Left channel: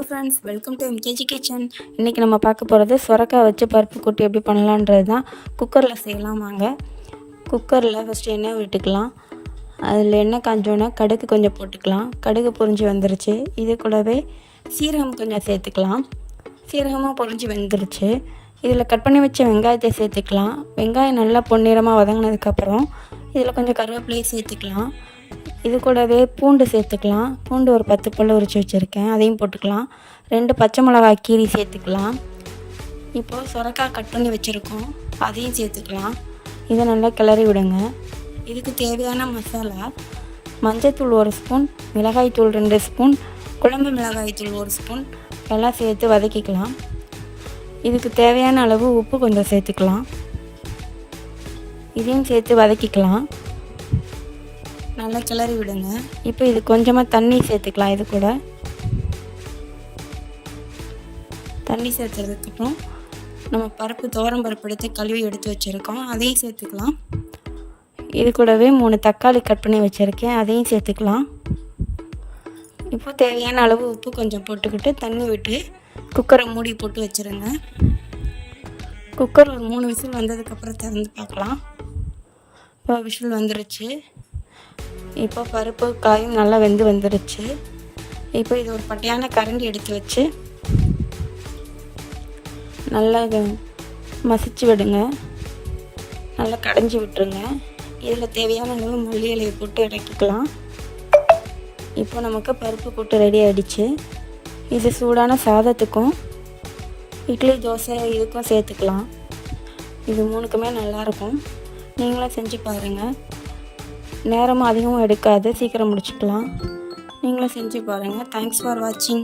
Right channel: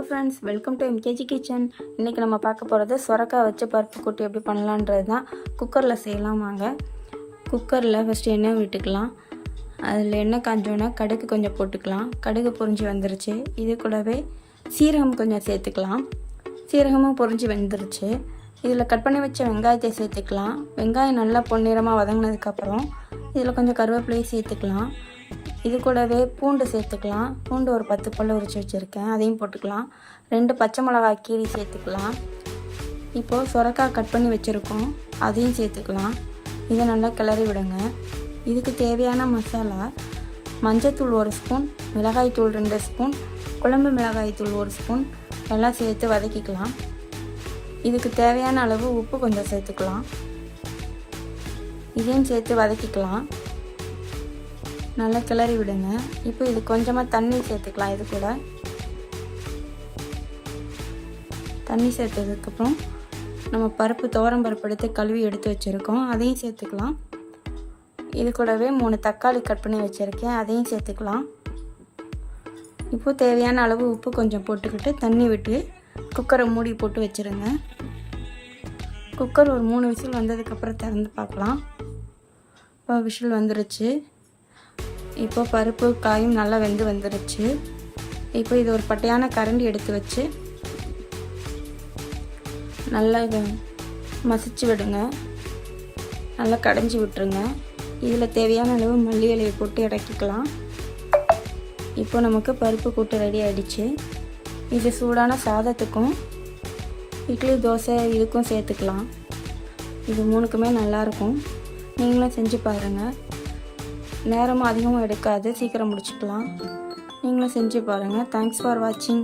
Hello friends welcome to MKG kitchen இன்றைக்கி நம்ம பார்க்க போகிறது சுரக்காய் வச்சு பருப்பு கூட்டி எப்படி பண்ணலான்றது தான். குக்கரில் செய்யலாம் வாங்க. குக்கரில் ஃபஸ்ட்டு எண்ணெய் விட்டுக்கலாம். அதில் எண்ணெய் காஞ்சோன்னே கடுகு கொஞ்சம் போட்டுக்கலாம். கடுகு பொரிஞ்சு வந்துருச்சு. இது கூடவே சீரகம் கொஞ்சம் சேர்த்துக்கலாம். சீரகமும் பொரிஞ்சு வந்துருச்சு. இதில் கட் பண்ணி வச்ச வெங்காயத்தை சேர்த்துக்கலாம். வெங்காயம் நல்லா பொன்னிறமாக வதங்கினதுக்கப்புறம் இதில் கொஞ்சம் கருவேப்பிலையை சேர்த்துக்கலாம். இது கூடவே பூண்டு சேர்த்துக்கலாம். பூண்டு ஒரு பத்து பல் உரிச்சு வச்சுருக்கேன். அதையும் போட்டுக்கலாம். ரெண்டு பச்சை மிளகாய் கீரி சேர்த்துக்கலாம். இப்போது சுரக்காய் கட் பண்ணி வச்சுருக்கோம். அதையும் சேர்த்துக்கலாம். இதை நல்லா கிளறி விடுங்க. இதுக்கு தேவையான மசாலா மஞ்சத்தூள் ஒரு ஸ்பூன் மிளகாய்த்தூள் ரெண்டு ஸ்பூன் குழம்பு மிளகாய்த்தூள் ஒரு ஸ்பூன் எல்லாம் சேர்த்து வதக்கிக்கலாம். இதுக்கு தேவையான அளவு உப்பு கொஞ்சம் சேர்த்துக்கலாம். இதையும் சேர்த்து வதக்கிக்கலாம். நல்லா கிளறி விடுங்க. இப்போ இது கொஞ்சமாக தண்ணி சேர்த்துக்கலாம் இது கூட. தண்ணி சேர்த்ததுக்கப்புறம் நம்ம பருப்பு துவரம் பருப்பு எடுத்து கழுவி எடுத்து வச்சுருக்கோம். அதையும் சேர்த்துக்கலாம். இது கூடவே மூணு தக்காளி கட் பண்ணி வச்சுருக்கேன். அதையும் சேர்த்துக்கலாம். இப்போ தேவையான அளவு உப்பு கொஞ்சம் போட்டுக்கிட்டு தண்ணி விட்டு குக்கரை மூடி போட்டு வச்சுருங்க. குக்கர் ஒரு மூணு விசில் வந்ததுக்கப்புறம் திறந்து பார்க்கலாம். இப்போ விசில் வந்துருச்சு. இப்போ பருப்பு காயும் நல்லா வெந்து வந்துருச்சு. இப்போ இது ஒரு பட்டையான கரண்டி எடுத்து வச்சு நல்லா இது மசிச்சு விடுங்க. நல்லா கடைஞ்சி விட்டுருங்க. இதில் தேவையான அளவு மல்லி இலையை போட்டு இறக்கிக்கலாம். இப்போ நமக்கு பருப்பு கூட்டு ரெடி ஆகிடுச்சு இது சூடான சாதத்துக்கும் இட்லி தோசை இதுக்கும் சேர்த்துக்கலாம். இது மூணுக்குமே நல்லாயிருக்கும் நீங்களும் செஞ்சு பாருங்கள் நேரமும் அதிகமும் எடுக்காது. சீக்கிரம் முடிச்சுக்கலாம். நீங்களும் செஞ்சு பாருங்கள் தேங்க்ஸ் ஃபார் வாட்சிங்